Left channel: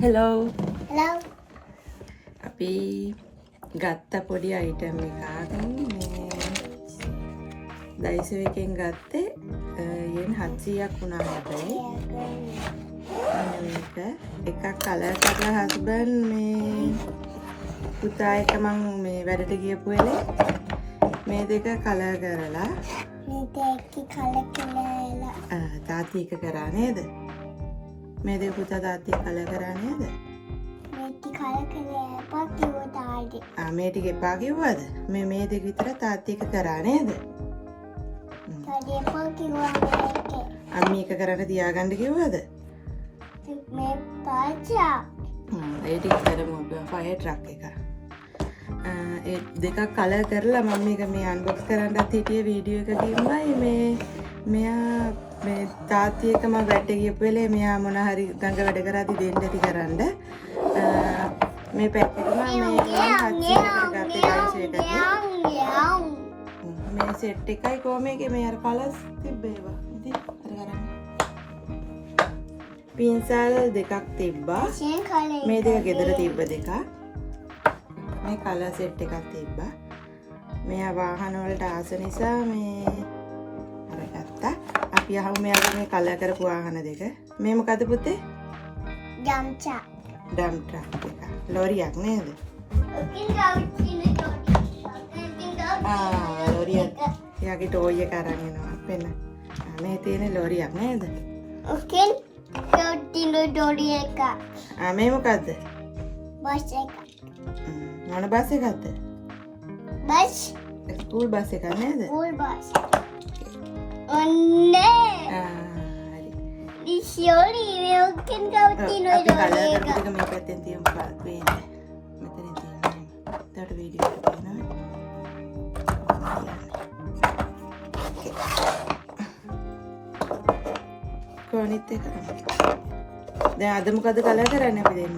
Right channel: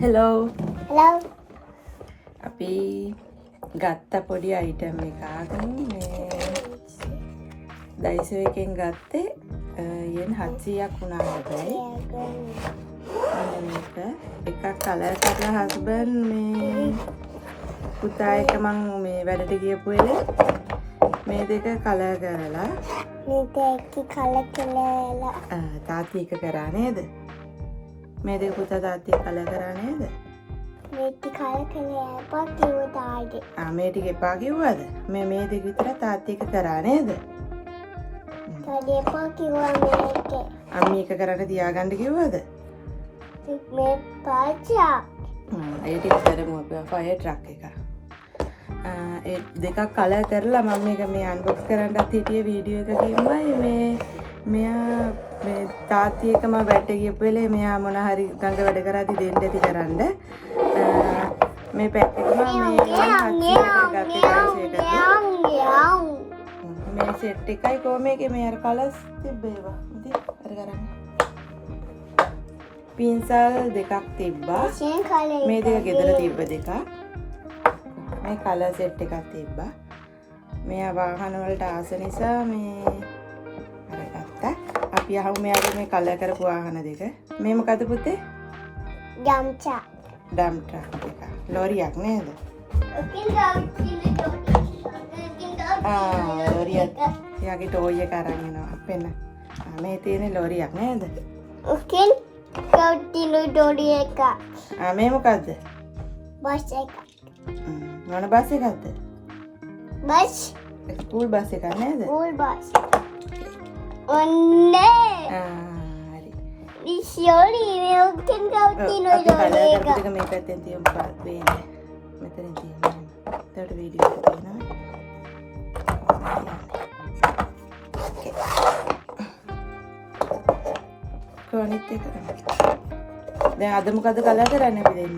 Hello. Hello. අපි ගත්ත පොඩි අයිටම් එකක් මේ දයිසෝ එකෙන් ගත්තේ යෙන් 700ක් වුණා හැබැයි. අන්න මේක එකක් කලර් කරලා හස්බන්ඩ් මේ පුතා එක මං මේ වැඩට ගියපු වෙලේ මේ දෙක කලර් කරලා මේ දෙක කලර් කරලා තාත්ති එක කරා නේද? මේ දෙක පුතා තාත්ති එක කලර් කරා නේද? මේ ටික කලර් කරලා පාකියෝ තායිද මේ ටික එපා කිව්වද? මේ දෙක විතර තාත්ති එක කරා නේද? තාඩේ පාකියෝ මේක අම්මි එක කරන්න තියාගන්න කිව්වද? මේ පාචා ඒ ටික කරමු අපි ෆයර් ට්‍රක් එක. ඒ දෙකක් කලර් කරලා මම මේක මේ අන්බොක්ස් කරන්නත් හිටියේ වීඩියෝ එකකින්මයි මේ මෙයා මේ තාත්ති එක මම වැඩට ගියපු වෙලේ මෙයා මොන හරි ගඟ වැඩ කරාදී දෙන්න ඇති කරන්න මේ පැක් එක මම මේ 700කට ගත්තේ ගයිස් මේ සෙට් එකයි කොහොමද මේ අර කලර්ස් තිබ්බේවා ඉතින් අර ගන්න පින්සල් දෙකක් තිබ්බා මේ දෙක ගෙදර තිබ්බ දෙකක් මේ කලර් සෙට් එකක් තිබ්බා මෙයා වාහන වලට ආස නිසා මේ අරගත්තා අපි අහමු මෙයාගේ මේ කලර් කරපු වාහන දෙක මේ මොකද පුතේ ඩම් ට්‍රක් එක ලෝරියක් නේද ලෝරියක් එයාගේ ටෝයි එක අරන් එනවා පෙන්න මේ තියෙන ලෝරියක් නේද උකින් කවුටිලු ඩෝඩි එක මේ මොකද්ද බස් එක මොන බස් එකක්ද බස් ස්කූල් බස් එකක් නේද ස්කූල් බස් ඔන්නේ හරි ඉෂෝලි මේ උකින් කවුටිලු අපි කලර් ඩෝඩි කරපු එක දෙක මේ පැත්තෙන් තියමු පේන්නේ මෙතනින් තියෙනවා එතකොට වීඩියෝ එක තියෙනවා කොනිත් එක දැන් අද මොකද කලර් කරන්නේ අපි දෙන්න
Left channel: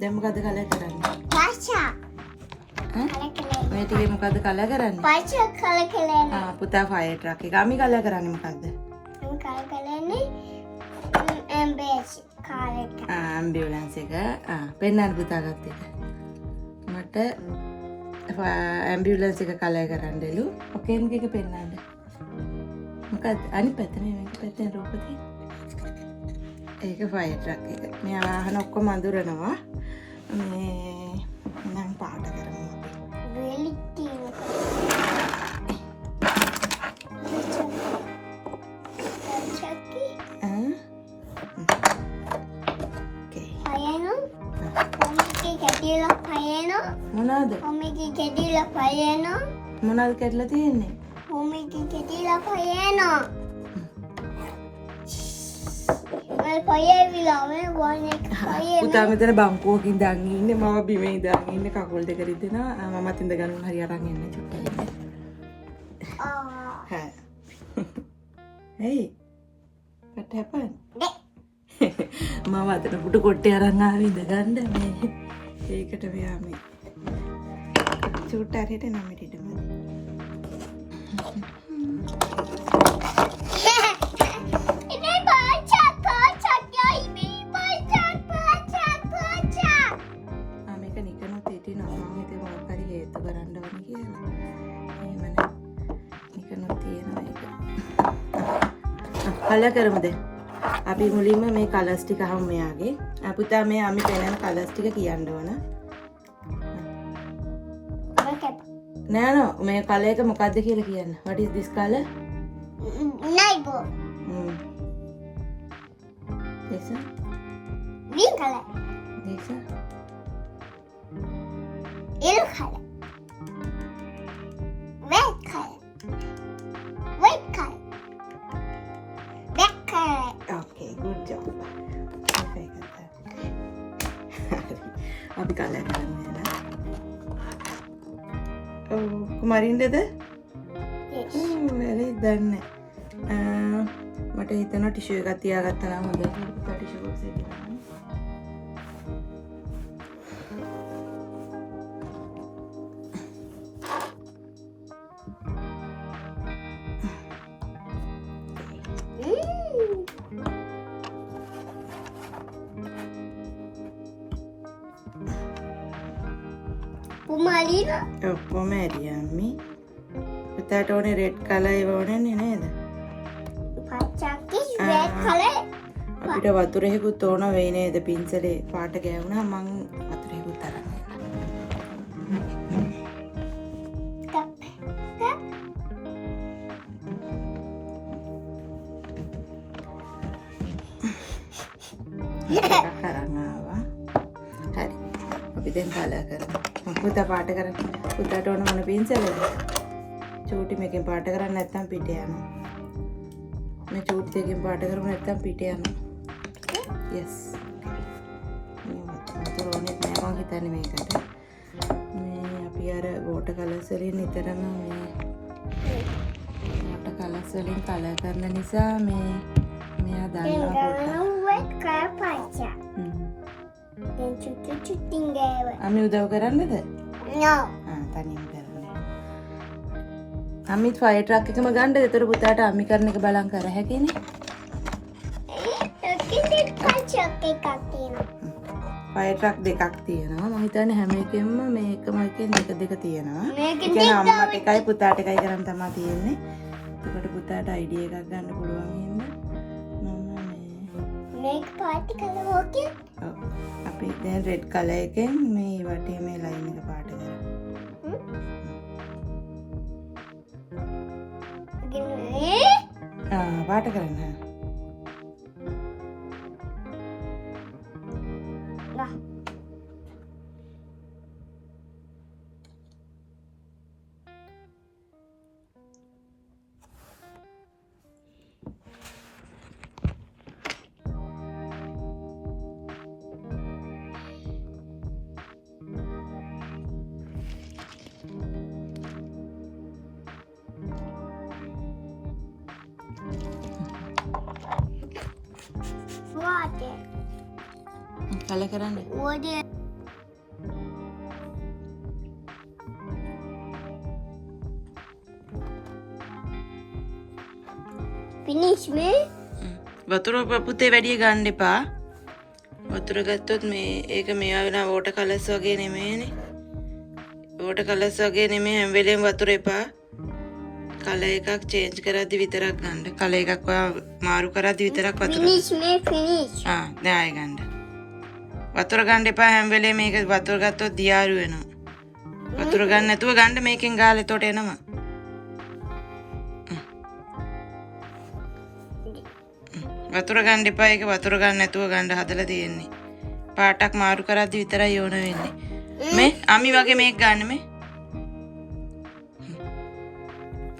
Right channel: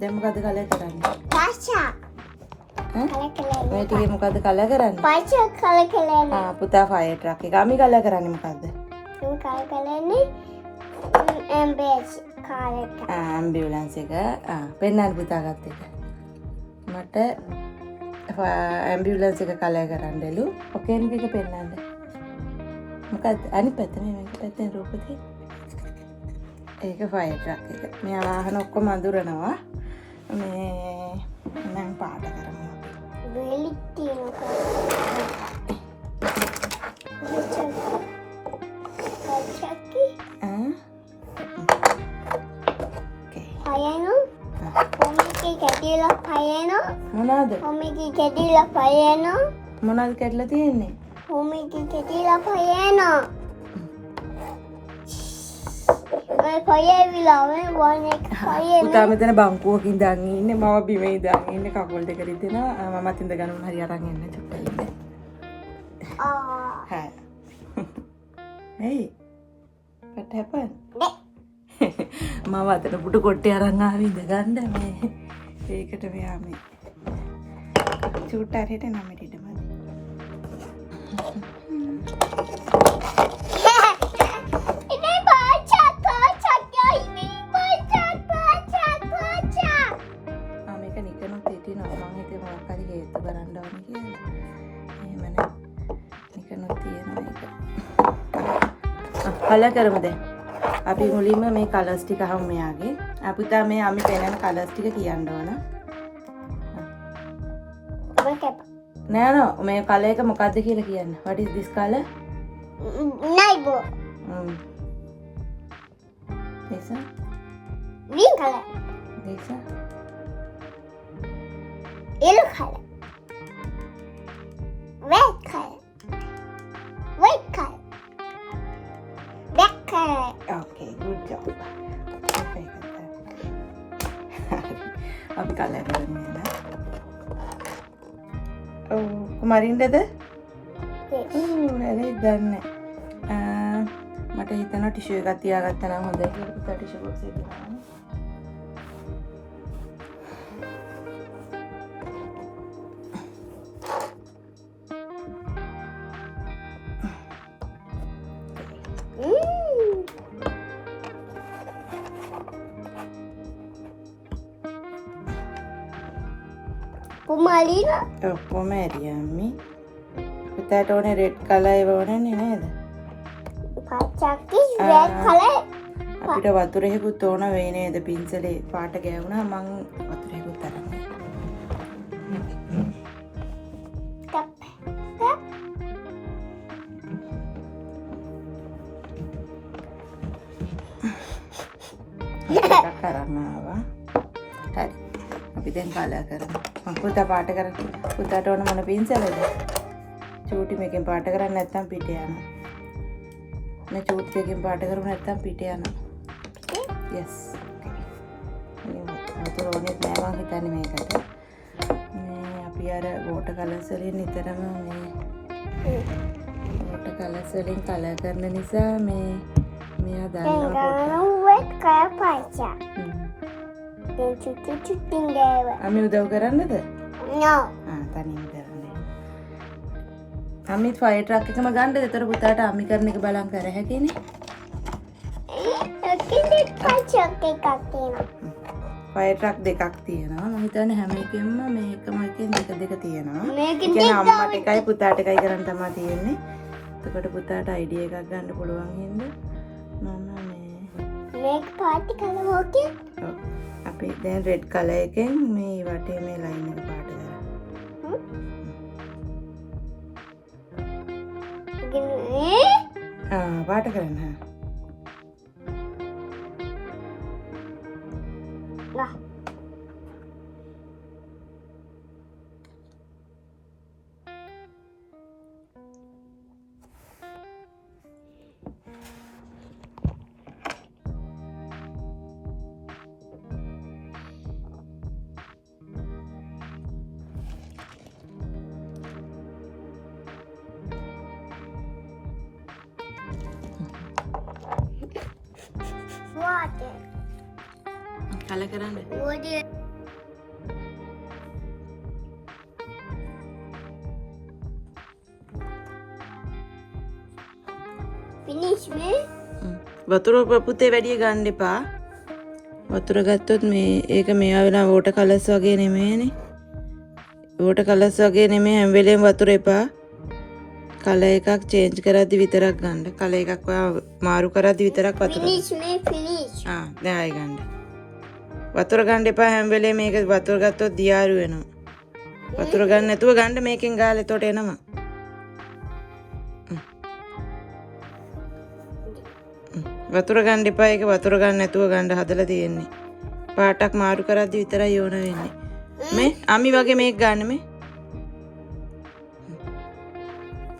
දැන් මොකද කලර් කරන්නේ පාචා මේ ටිකේ මොකද කලර් කරන්නේ පාචා කලර් කරලා පුතා ෆයර් ට්‍රක් එක අපි කලර් කරන්නේ මොකද්ද කලර් කරන්නේ ඇම්බුලන්ස් කාර් එක ඇම්බියුලන්ස් එක පෙන්නන්න පුතා ගත්ත එක මට ඇම්බියුලන්ස් එක කලර් කරන්නලු ඔකේන් එක පෙන්නන්න මොකක්ද අනිත් පැත්ත මේක පැත්තෙන් රූපදී ඒක ෆයර් ට්‍රක් එක මෙයා වාහන ඔක්කොම අඳුරනවා මේ නම් පාට කරමු වෙලිටි මොනවාද මොනවාද කැඩලා තියෙන්නේ පුතා මෙතන බංකුවකින් ඉඳන් ඉන්නේ මම බිම ඉඳන් ඉන්නේ කකුල් දෙක රිදෙනවා මමත් ඉඳ ගන්න හරි අරන් එන්න චුට්ටක් ඉන්න hey what happened මම අතන පුටු කොට්ටේ අරන් ආවේ ඉඳ ගන්න මේ ඒකට මෙයා මේ චුට්ට හරියට නම් ඉඩම කලර් කරමුද අපි මුලින්ම මේ කලර්ස් ටික අහමු මෙයාගේ පුතා මේ අපි පෙන්නන කලර්ස් ටික කියන්න ඕන නෑ නෝ මේ කලර් එක මොකද්ද කියලා කියන්න what is this color නයිබෝ this one green color this one yellow color red color white color black color okay good job අපි කලර් කරමු නේද කුමාරින්දද වැරදි දන්නේ මට හිතෙනවා ටිෂු එකක් තියාගත්තා නම් හොඳයි කියලා පුතා ටිෂු බොක්ස් එකේ දාන්න පුමාලින ඔක්කොම ඇරිය අම්මි. පුතාට ඕනේ රෙඩ් කලර් ඒව ඕනේ නේද? පච්චක්කි රෙඩ් කලර් අපිට වතුරෙකුත් ඕන වෙයි නේද? පින්සලේ පාට ගෑවුණා මං වතුරෙකුත් අරන් එකක් අරන් ආවා. හරි. අපි දැන් කලර් කරමු. පුතා පාට කරන්න. පුතාට ඕන මොන පින්සලද? චූටි මේකෙන් පාට කරන්න නැත්නම් පිට යනවා. මේ චූටි එකෙන් පාට කරමු නැත්නම් පිට යනවා. yes. වතුර ඕනෙත් නෑ මං හිතන්නේ මේකට. මේ අපි අර වෝටර් කලර්ස් වලින් නිතරම මේ වෝටර් කලර්ස් වලින් කලර් කරන නිසා මේ මෙයා දන්නවා පොඩ්ඩක්. රෙඩ් කලර් පච්චා දැන් චුට්ටින් ගාව අම්මි උදව් කරන්නද? නෝ තනියම කරන්න. අම්මිත් ෆයර් ට්‍රක් එකම ගන්නද? ඒතර පුතාට අම්මි කරන එක බලන් කර හැකිනේ. ෆයර් ට්‍රක් දෙකක් තියෙනවා. මම හිතන්නේ හැම එකෙම මේ එකම එකෙන් දෙක තියෙනවා. ඒ කියන්නේ අම්මට එකයි පුතාට එකයි කරන් තමයි තියෙන්නේ. එතකොට පුතාට අයිඩියා එකක් ගන්න පුළුවන් හින්දා මම මේක පාටි කලර් ඕකේ ඔව් අපි දැන් රෙඩ් කලර් එකෙන් මේ වටේ මේ ලයින් එක පාට කරමු. පාට කරන්න. කලර් කරන්න. water finish me වතුර පුතේ වැඩි ගන්න එපා. වතුර ගත්තොත් මේ ඒක මේවා වෙන වෝටර් කලර්ස් වගේ නෙමෙයිනේ. වෝටර් කලර්ස් වගේ නෙමෙයි හැම වෙලේම වතුර එපා. කලර් එකක් චේන්ජ් කරද්දි විතරක් ගන්න. කලර් එකක් ඔයා මාරු කරද්දි විතරක් වතුර. finish me finish දැන් ආයෙ ගන්න. වතුර ගන්න එපා හැම වෙලේම මේක වතුර ගත්තොත් දියාරු වෙනවා. වතුර ගන්න නැතුව ගන්න මේකෙන් ගාලා එතකොට එනවා. වතුර ගන්න එපා ඒක වතුර ගන්න නැතුව ගන්න හදලා තියෙන්නේ. පාටක් මාරු කරද්දි විතරයි ඕන වෙන්නේ. මේ අම්මි වගේ මේක ගන්න මේ.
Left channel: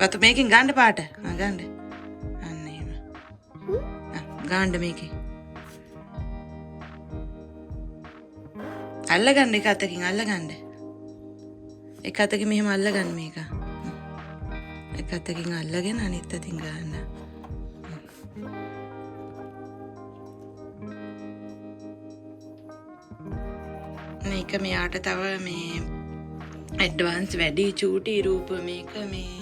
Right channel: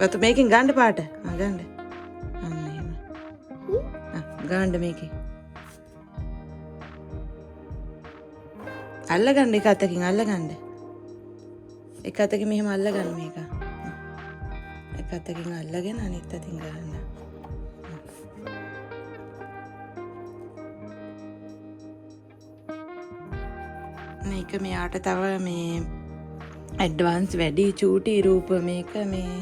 වතුර මේකෙන් ගන්න පාට. ගන්න. අන්න එහෙම. ගන්න මේකෙන්. අල්ලගන්න එක අතකින් අල්ලගන්න. එක අතකින් මෙහෙම අල්ලගන්න මේක. එක අතකින් අල්ලගෙන අනිත් අතින් ගන්න. මේක මෙයාට තව මේ ඇඩ්වාන්ස් වැඩි චූටි රූප මේක මේ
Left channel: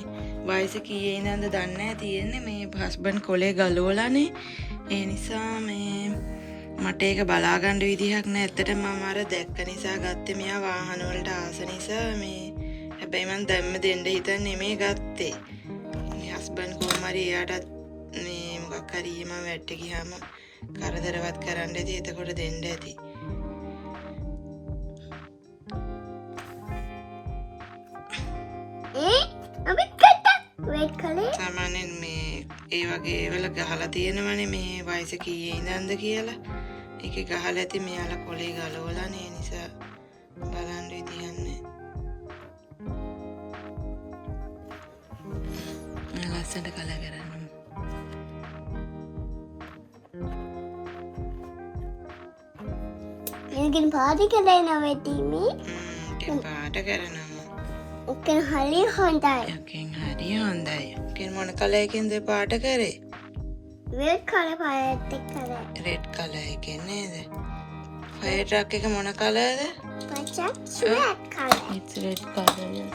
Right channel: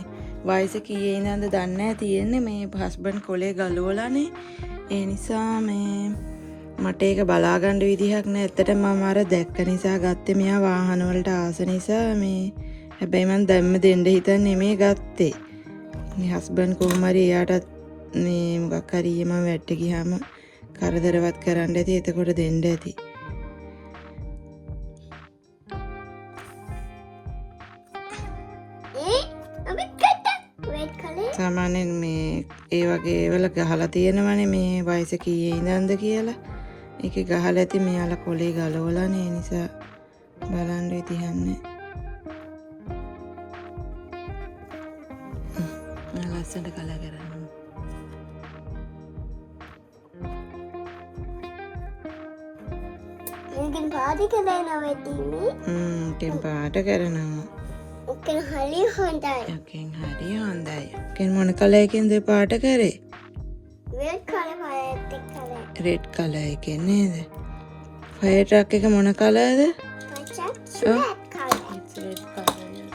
වයස කීයේ ඉඳන්ද දන්නේ නැහැ තියෙන්නේ මේ හස්බන්ඩ් කොලේ ගලවලානේ. ඒ නිසා මේ මට ඒක බලා ගන්න විදිහක් නැහැ. ඇත්තටම මම අර දැක්ක නිසා ගත්තේ මෙයා වාහන වලට ආස නිසා මේ. හැබැයි මම දැම්ම දෙන්න හිතන්නේ මේ ගත්තේ. මේ හස්බන්ඩ් කොහොම හරි එයාට මේ මොකක් හරි මම වැට්ට ගියාම කරදරවත් කරන්න ඇති. එතකොට දෙන්න ඇති. සාමාන්‍යයෙන් මේ ඒ වගේ වල ගහලා තියෙනවනේ මේ වයස කීයේ ඉඳන්ද කියලා. ඒකේ ගහලා ඇති මෙයාලා කොලේ ගලවලානේ. ඒ නිසා බලන්න ඉතිහන්නේ. ලස්සනට කලර් කරන්න. ඉතින් පාටි කරනවා වෙතිමි. ටෙම් පාට කරනවා. ඔකෙන් හරි හොඳයි. ඔකෙන් හරි හොඳයි. ඔකෙන් මොන කලර් එකෙන්ද පාට කරේ? රෙඩ් කලර් පාට කරේ. රෙඩ් කලර් එකෙන් නේද? ෆයර් ට්‍රක් එක මොන කලර්ද? පච්චක් red colour. It's red color.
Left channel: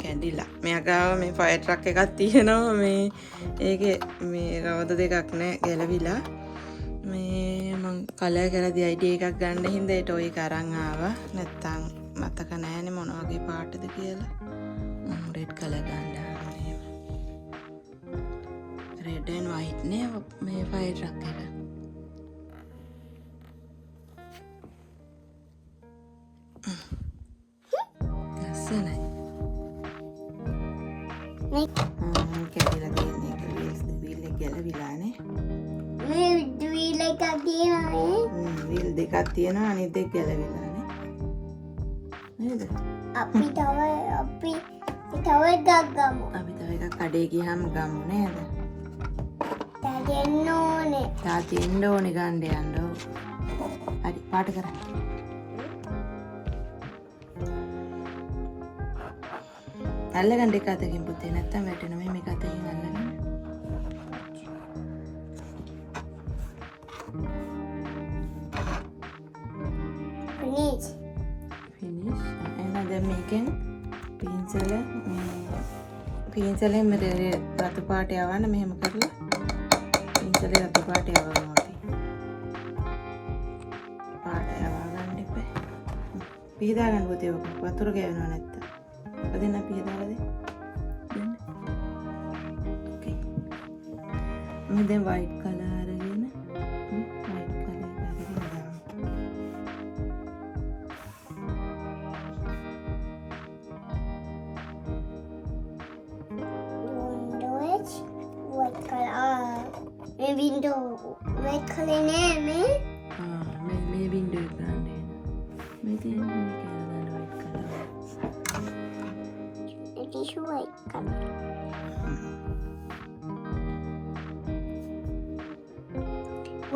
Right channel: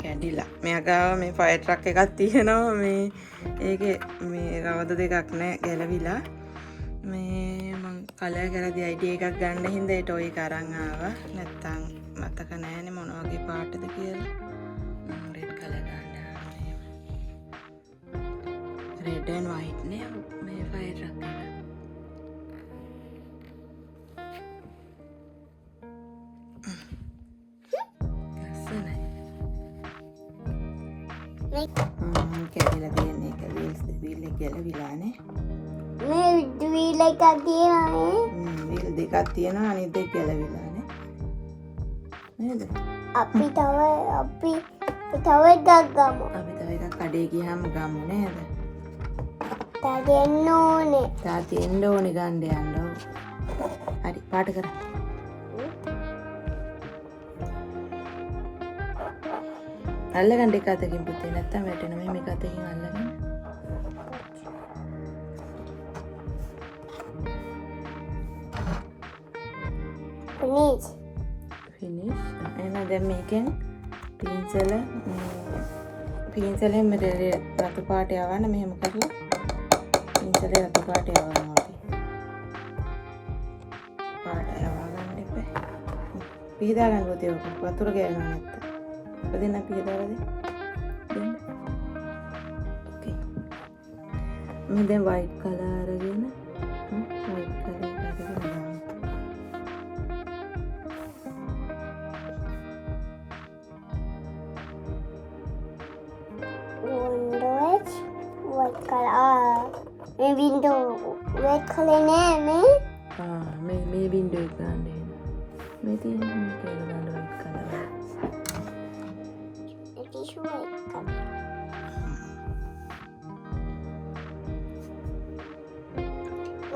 කැඩිලා. මෙයා ගාව මේ ෆයර් ට්‍රක් එකක් තියෙනවා මේ ඒකේ මේ රවද දෙකක් නෑ ගැලවිලා. මේ මං කලර් කරලා අයිඩියා එකක් ගන්න හින්දා ඒට ඔය එක අරන් ආවා. නැත්තම් මතක නැහැනේ මොන වගේ පාටද කියලා. රෙඩ් කලර් ගන්න. රෙඩ් and white නේ මේ ෆයර් ට්‍රක් එක. ලස්සනයි. කැඩිලා තියෙන එක වීල් එක ගැලවිලානේ. මේ වීල් එකක් තියෙනවා වීල් දෙකක් තියෙනවා අනිත් දෙක ගැලවිලානේ. නේද? අපි තව එකක් ගමු. අපි තව එකක් කඩේ ගියාම ගමු නේද? තා දෙන්න ඕනේ. තා දෙන්න ඕනේ ගන්න යන්න. හරි පාට කරා. අල්ලගන්න එක අතකින් පුතේ නැත්තම් වැටෙනවා මේක අතකින් අල්ලගන්න. finish. එහෙනම් දැන් මේකෙන් පින්සලෙන් මෙතන රතු පාට යවන්න මෙහෙම කරලා පින්සලේ රතු පාට යවනවා අපි. පාට යවා ගන්න ඉපේ. පිහදා ගන්න පුතේ ඔක වතුර ගෑනවා නැත්තම්. දෙන්න පිහදාලා දෙන්න. ඕකේ. මම දැන් white color අරගෙන white color එක අරගෙන ගන්න. window white color නෑ මේ මේ window එක ගන්න. මේ තියෙන මේ කියලා ගන්න white color.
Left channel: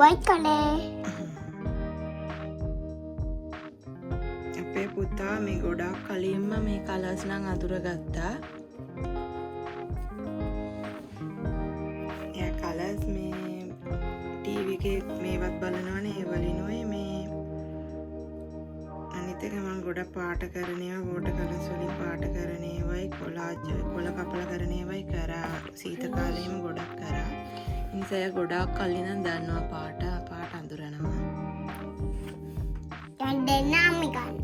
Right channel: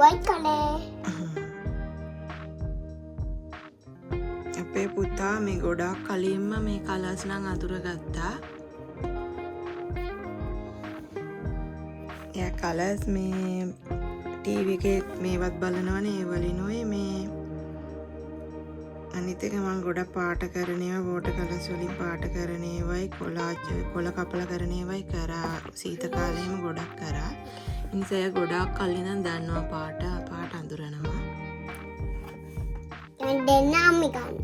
white color. අපේ පුතා මේ ගොඩක් කලින්ම මේ කලර්ස් නම් අඳුරගත්තා. එයා කලර්ස් මේ ටීවී එකේ මේවත් බලනවනේ ඒ වලිනුයි මේ අනිත් එක මම ගොඩක් පාට කරන ඒවා වෝටර් කලර්ස් වලින් පාට කරන ඒවායි කොළ කපලා කරන ඒවායි කරා සීත කාලේම ගොඩක් කරා. ඉන්සය ගොඩක් කලින් නම් දන්නවා පාට අඳුරනවා. දැන් දෙන්නාම ගන්න.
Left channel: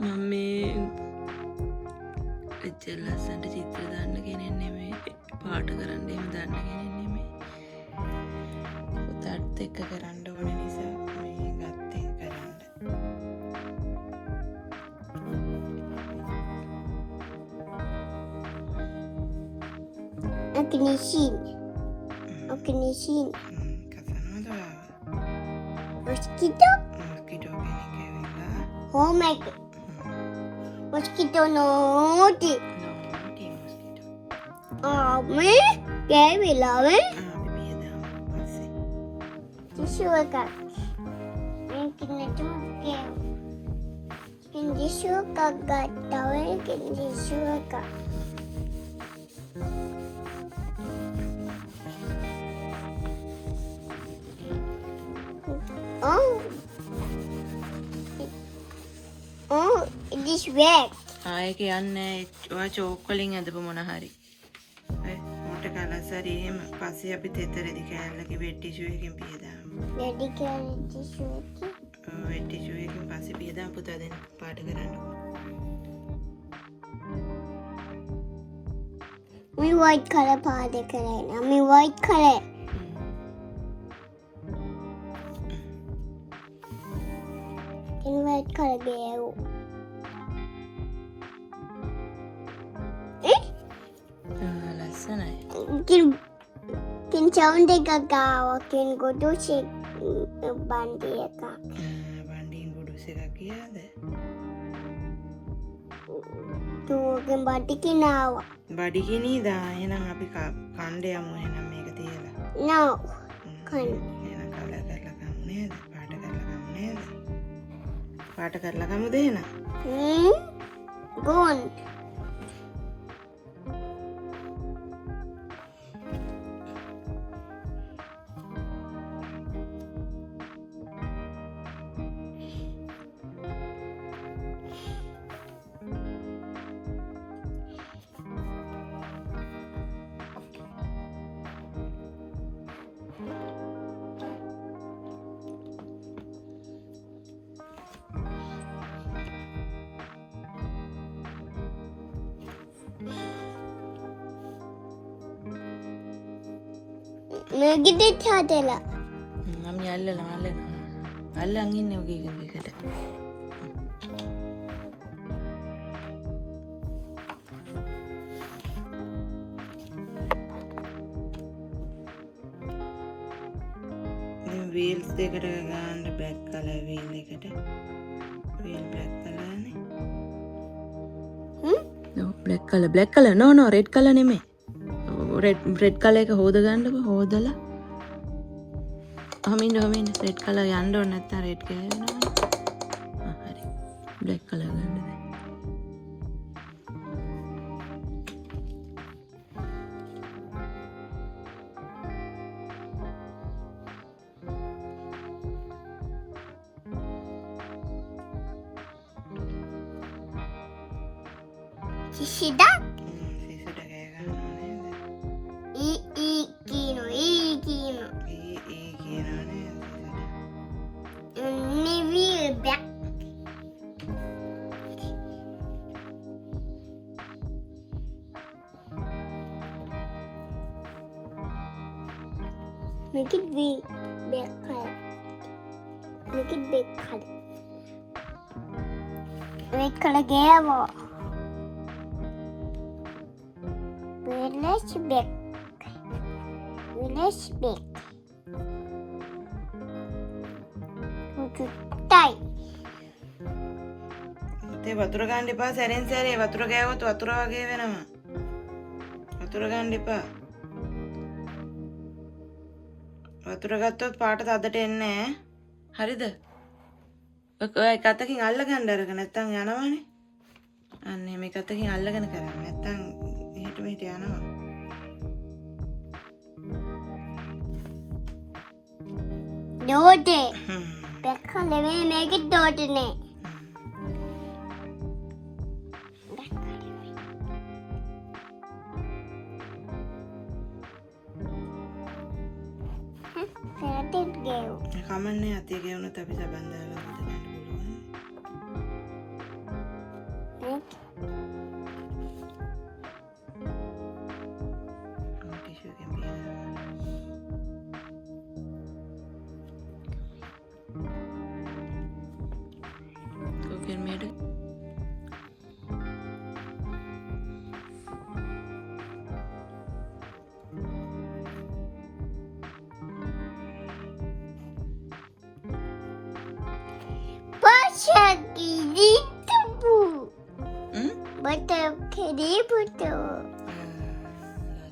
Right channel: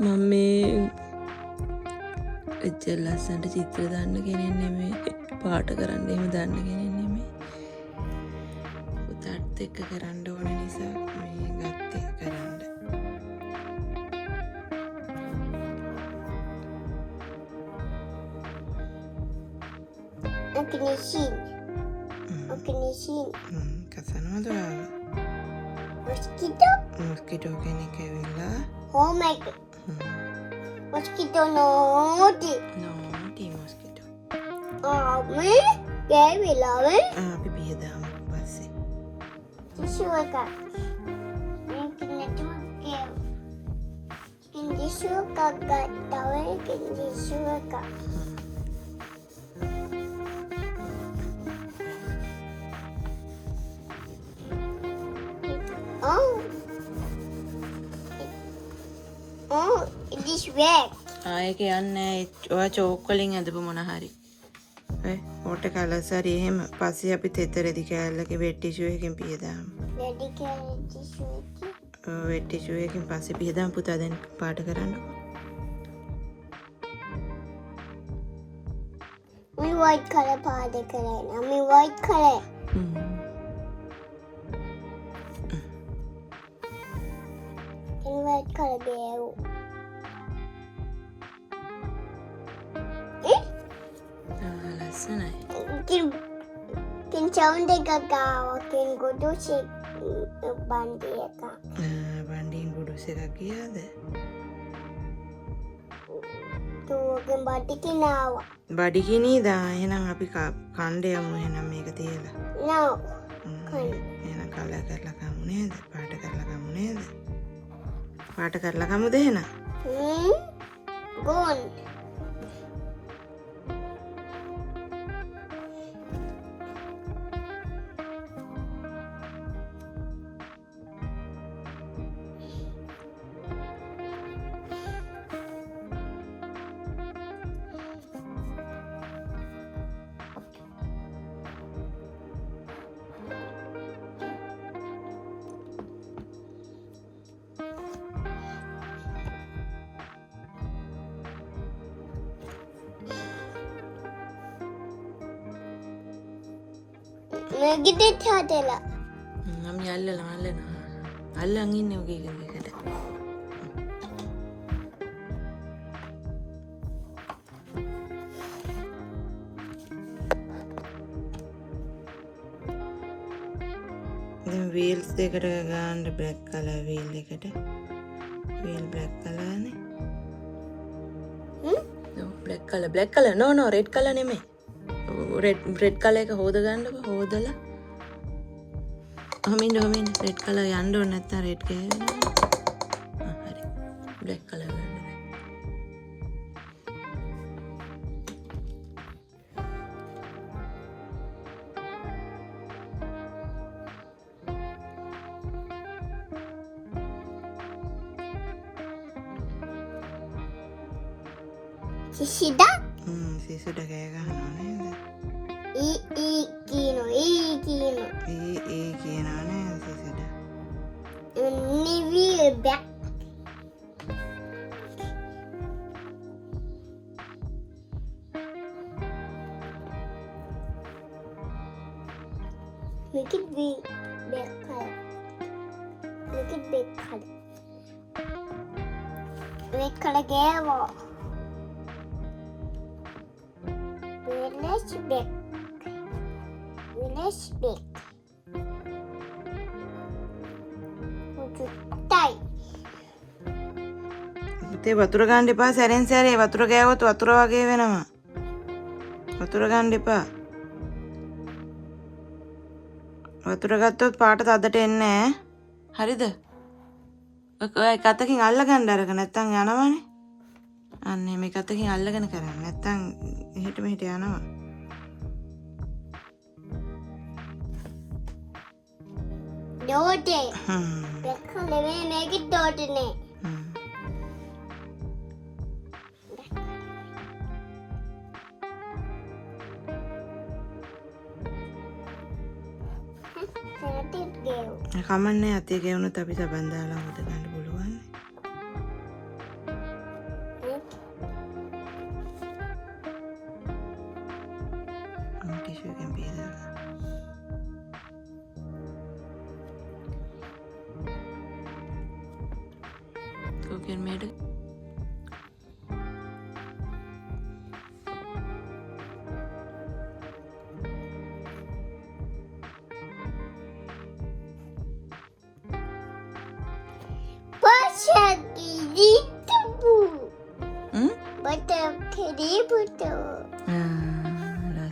මම මේ එච්චර ලස්සනට චිත්‍ර දාන්න කෙනෙක් නෙමෙයි පාට කරන්න එහෙම දාන්න කෙනෙක් නෙමෙයි පුතාත් එක්ක කරන්න ඕන නිසා මේ ගත්තේ කරන්න. Ignition. කසනවද ඔයාව? Mosquito. මොස්කිටෝ කෙනෙක් ඇවිල්ලා Oh my god. Mosquito naughty. නෝටි mosquito. Me? Gavila, me? අපි පියදාමු පස්සේ. Tissue එක. Tissue එකක් ගත්තා වෙයි tissue එක. This red. ඒක යන්නේ ඔයා චෝක් වලින් ඇදපු මොන හරි. ඔය වෝටර් කලර්ස් හරි එහෙම පස්සේ අපි තෙතරෙදි කෑල්ලක වෙට් ටිෂු එකකින් පියදාමු. Daddy carrying tissue එක. වෙට් ටිෂු එකකින් පස්සේ පියදාමු පුතා දැන් පාට කරන්න. Me white color පාද කරේන. Me white color. In white color ගේව්. ලස්සනයි. Can sound එකක් ගාවා. Can go to see බන්ඩි එකක්. වන්ඩින් ගුඩුස් එකක් ගියාද? තුගෙන් බඩි කිනාවා. බඩිගිනීදා එහෙනම් අපි කණ්ඩ යමු එහෙනම් මේක තියලා. No. එහෙනම් කලර් කරලා කමු නේද? පාට කරලා කමු නේද? පාට කරලා කමුද එහෙනම්? Gold. Negative හදලා. මම අල්ලනවා. අල්ලන් ඉන්නේ ඔගේ එකකට. wheels දෙකට ගන්න black color wheel එකට. wheel black color නේ. no black color no red color නෙමෙයි. red color එක හොද ගන්නකො හොදලා. හමින්න red color යන්න ඕන නැත්නම් red ගෑවෙනවා. හරි. black color ගන්න. Sisida? Sisida kaya gano'n yun. Kino. Kino na yun, sisida. Navy back. Make it big back color. Make it big color. Big color gavo. Village big. Tie. ඒ වතුර ගන්න එපා සැරෙන් සැරේ වතුර ගෑවොත් වතුර වගේ වෙනවා. වතුර ගන්න එපා. වතුර ගත්තොත් පාට තදට එන්නේ නැහැ. හරිද? ඔය එක අතකින් අල්ල ගන්න අරක නැත්තම් යනවනේ. අන්න මේ එක අතකින් අල්ලගෙන කරන්න. නැත්තම් එහෙට මෙහෙට යනවා. Dode. Becca living make it dode ne. කමන්නේ අතේ ගෙවුනොත් අපි සබන් දාලා හොද ගන්න පුළුවන්. ටිෂු එකෙන් පියලා. කොකෙන් මේද?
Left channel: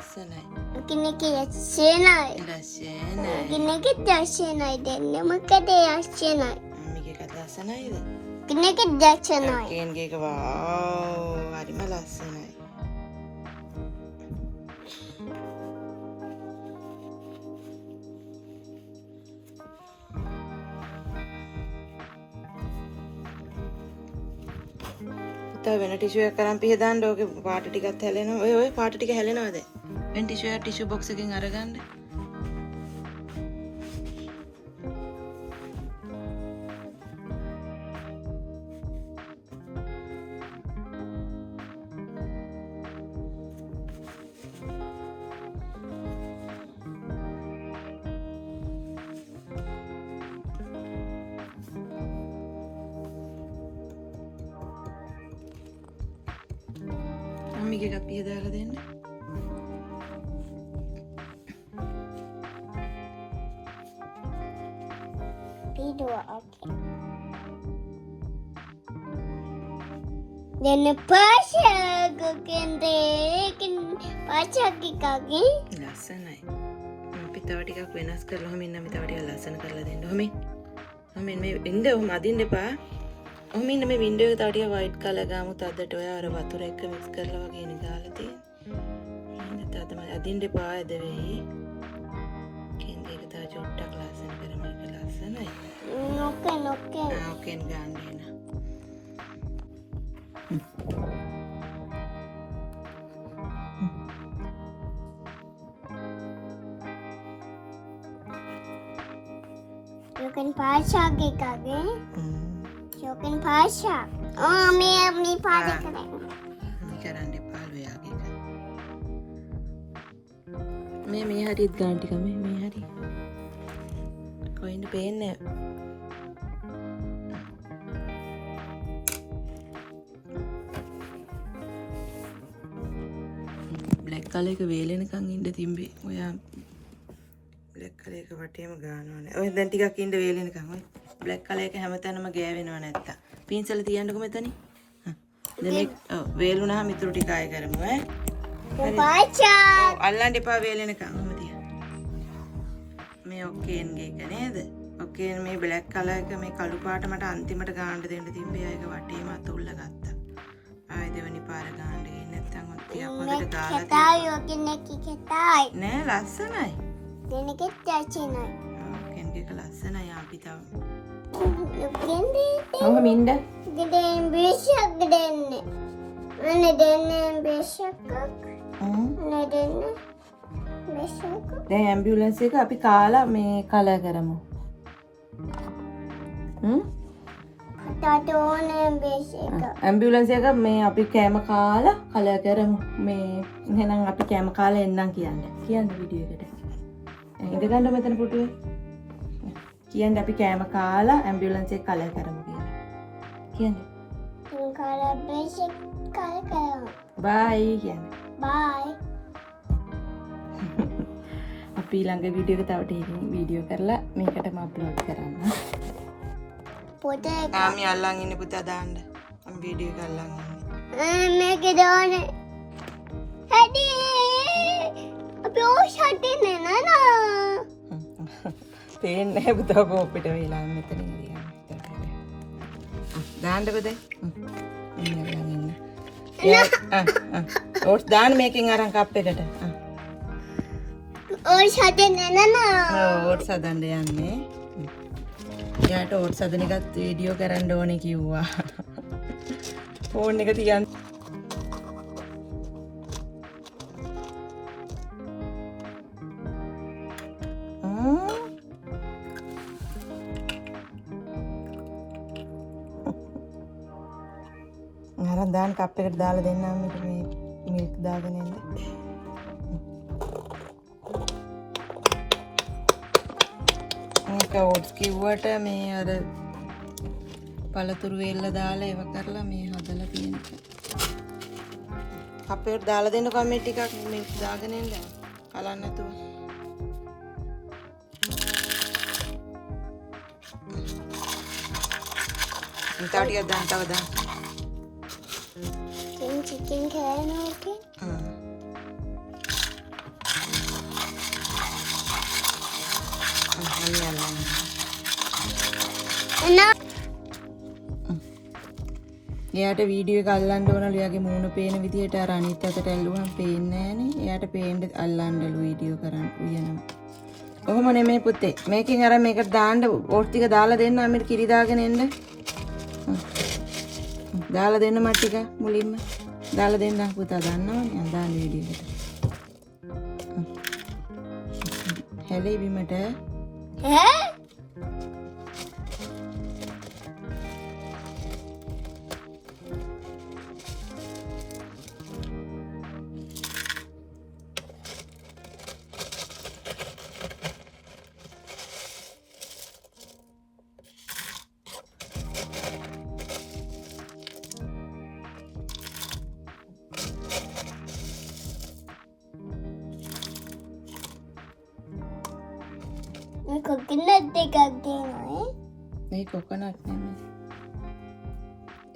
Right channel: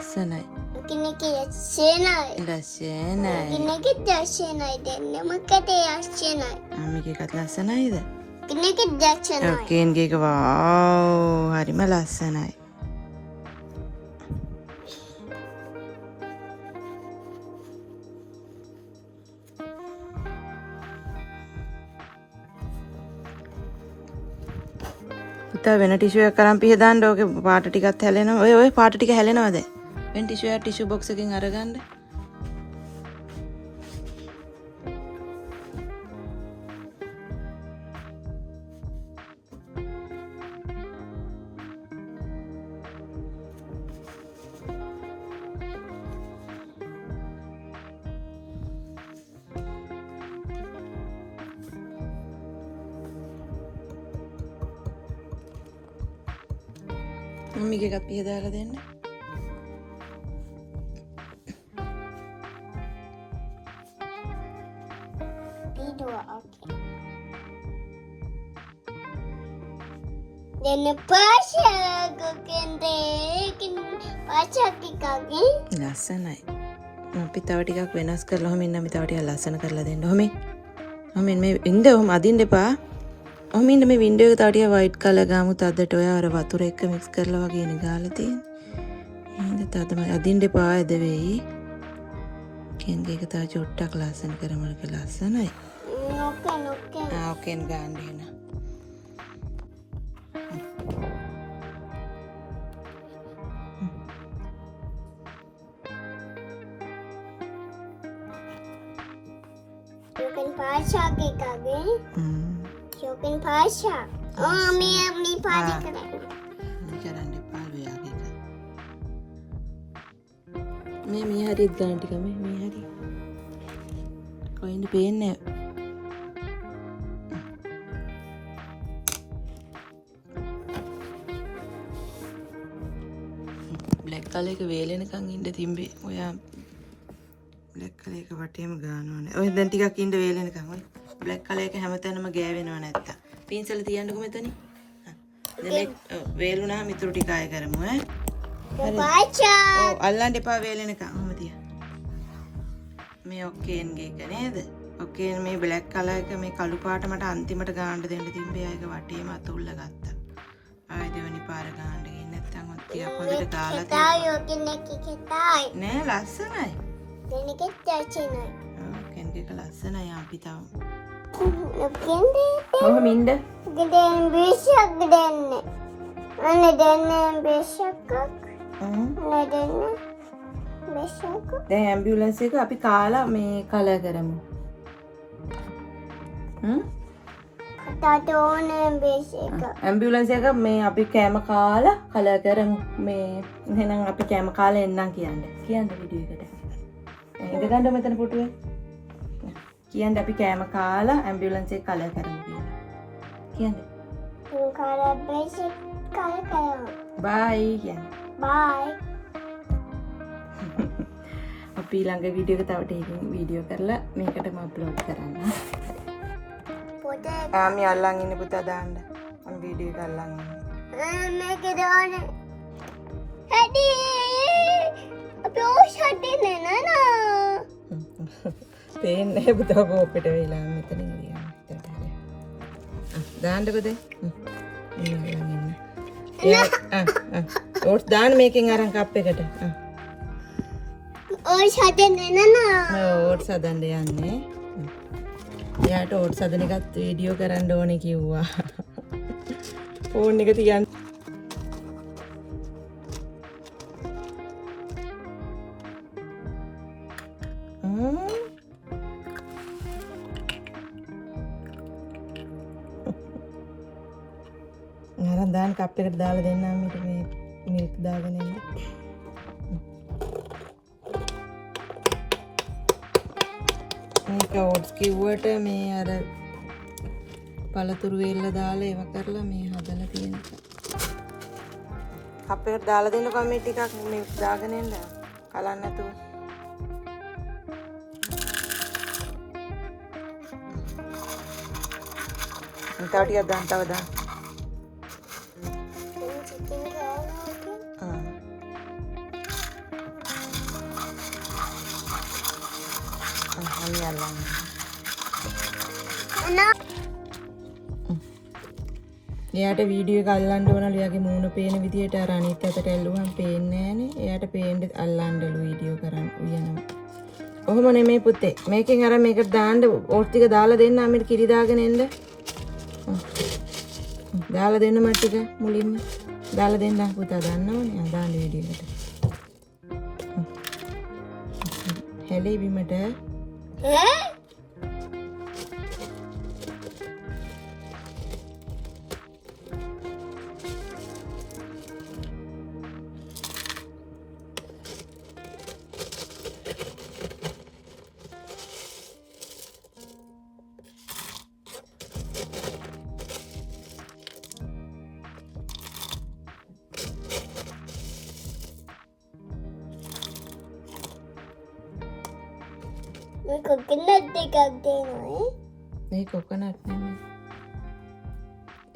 ලස්සනයි. මේකත් ලස්සනයිද? කේන්ගේ එක වාව් හරිම ලස්සනයි. පුතා වෙන ටිෂු එකක් අරන් පිහ දාන්න. ඕකේ පාට ටිකක් හැලෙනවා. ඔය පාට ටික හැලෙනවද? වෙන ටිෂු බොක්ස් එකකින් අරගන්න. මම්මිගේ එකත් පිහ දාලා දෙන්න. Then Pasha cooking Pasha kikagi. ලස්සනයි. අපි තව ටිකක් වෙනස් කරලා ඔහොම ඉන්න. අපි තව ටිකක් ලස්සන කරලා දෙන්න. ඔහොම මේ ඉන්න ඔහොම අදින්න එපා. ඔහොම ඉන්න මේ වින්ඩෝ එක තව ටිකක් වයිට් කලර් ගාමු. තදට ඔය අර වතුර එක්ක මික්ස් කරලා වගේ නේ ගාලා තියෙන්නේ. එහෙනම් තදම අදින්න එපා ඇද වෙයි. කේන්ගේ එක තව චුට්ටක් ලස්සන කරමු. ඒක ලස්සනයි. ඕකෙන් ගන්න එන. Pasha kikagi. Shopping Pasha. Oh, me apni paade karenge. කරන්න එපා ඔයාගේ. මේ හරියත් ගන්න ටික මේ හරි. කොහෙන්ද පේන්නේ? බ්ලැක් කලර් එක වේලෙනකන් ඉන්න තිබ්බේ. ඔයා බ්ලැක් කලර් එක වටේම ගන්නවනේ. ඔය දැන් ටිකක් ඉන්න වේලෙනකන් ඔය බ්ලැක් කලර් එක හැමතැනම ගෑවෙනව නැත්තම්. පින්සල තියන්නකො මෙතනින්. දැන් වේලුණාම ඉතුරු ටික ආයෙ කරමු ඈ. පාචා අල්ලන්න එපා වේලෙනකන්. ඔහම තියන්න. මේ ඔක්කේන්ගේ එක නේද? ඔක්කේන් මේ බ්ලැක් කලර් එක මේ කළු පාට මට අන්තිමට ගන්න දෙන්න තිබ්බේ. ඒක වටේම අතුල්ල ගත්තා. ආයෙ දෙවෙනි පාර ගන්න ගියේ නැත්තම් ටිකක් හොඳට ගාලා tayo kinakikitay. නෑ ලස්සනයි. Tinikit-tiyachinuy. කෙන්ගේ ලස්සනයි අපි තව. Hindi. ඔහම ඉන්න. Gden bishak gdenne. Ano denne bishak? Ano denne bishak? දැන් ඇම්බියුලන්ස් එක අපි කාලා මේ කලර් කරමු. Tatone bishak. ඇම්බියුලන්ස් එක මේ අපි කෑම කාලා කලර් කරමු. මේ එහෙනම් අපි කෑම කාලා එන්නම් කියන්නේ. කියන්න වීඩියෝ එකට. ඉඳ ගන්න මෙතන පුටුවේ. කියන්න අපි කෑම කාලා ඇම්බියුලන්ස් එක කලර් කරමු කියලා. කියන්න. Kala bishak kala. බයි කියන්න. Bye. අපි ළඟ වීඩියෝ එක තව ටිකකින් වීඩියෝ කරලා මේකටම අප්ලෝඩ් කරන්න. Puti. ආමි අල්ලන් ඉන්නේ පුතා දාන්න. මම වීඩියෝ එක අල්ලන් ඉන්නේ. Make it on it. Hadi. Api oshate nana. පේන්නේ පුතා කෝපෙට වෙලා මෙතනින් ගියා. දාන්නකො දැන්. ඕට්ස් දාන්න මේකෙන් අරන් කප් එකට. Oshate nana. ඕට්ස් හදන්න යන්නේ. යාට ඕට්ස් හදන එකත් වීඩියෝ කරන්න ඕනේ කිව්වා. ෆෝන් එක තියන්න. අරන් දාන්න කප් එකට දාලා දෙන්නම් මේ මිල්ක් දාගෙන ඉන්න. ඕට්ස් කිව්වට මේ අර පළතුරු වේල්ල දාලා ඒව කරලා මේ හදලා තියෙන එක. කප් එකට දාලා දෙන්නකෝ මේ ටිකක් මිල්ක් දාගෙන ඉන්න. කලන්න නැතුව. තව ටිකක් දාන්න තව දාන්න. Chicken kaya එයාට වීඩියෝ එක අල්ලන්න ඕනලු. එයාගේ මූණ පේන විදියට අර අනිත් අතට ඇල්ලුවම පේන්නේ නෑනේ. එයාට පේන්න අල්ලන්නලු වීඩියෝ කරන් උයනවා. ඔහොම නෙමෙයි පුතේ. මේකෙන් අර මේකට දාන්න ඕට් ටික දාලා දෙන්න අපිට කිරි දාගෙන එන්න. දාලා දෙන්න මට ටික මුලින්ම. දාලා දෙන්න පුතා දන්නවනේ. දාන්න වීඩියෝ එකට. හැලේ බිමට. coconut එකක් දෙනවා මේ කොකනට් නෙමෙයි.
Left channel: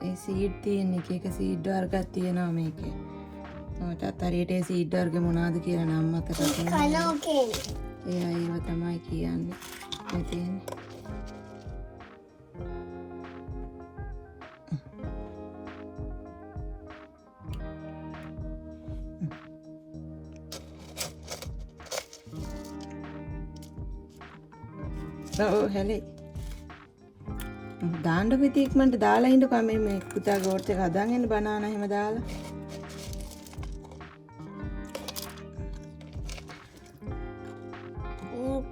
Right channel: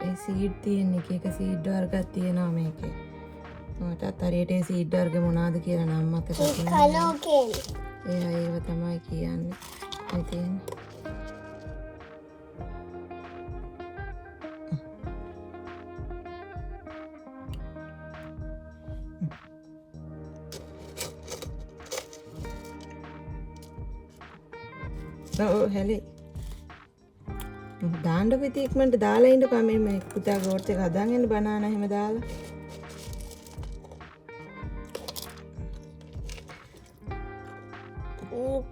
ඒ සීඩ් තියෙන එක සීඩ් වර්ගයක් තියෙනවා මේකේ. මටත් හරියට ඒ සීඩ් වර්ග මොනවද කියලා නම් මතක නැහැ. කනෝකේ ඒව තමයි කියන්නේ. මේ තියෙන්නේ. හැලේ දාන්න පිටි ඉක්මනට දාලා ඉන්නකෝ මේ පුතාගේ ඕට් එක හදාගෙන ඉන්න බනානා එහෙම දාලා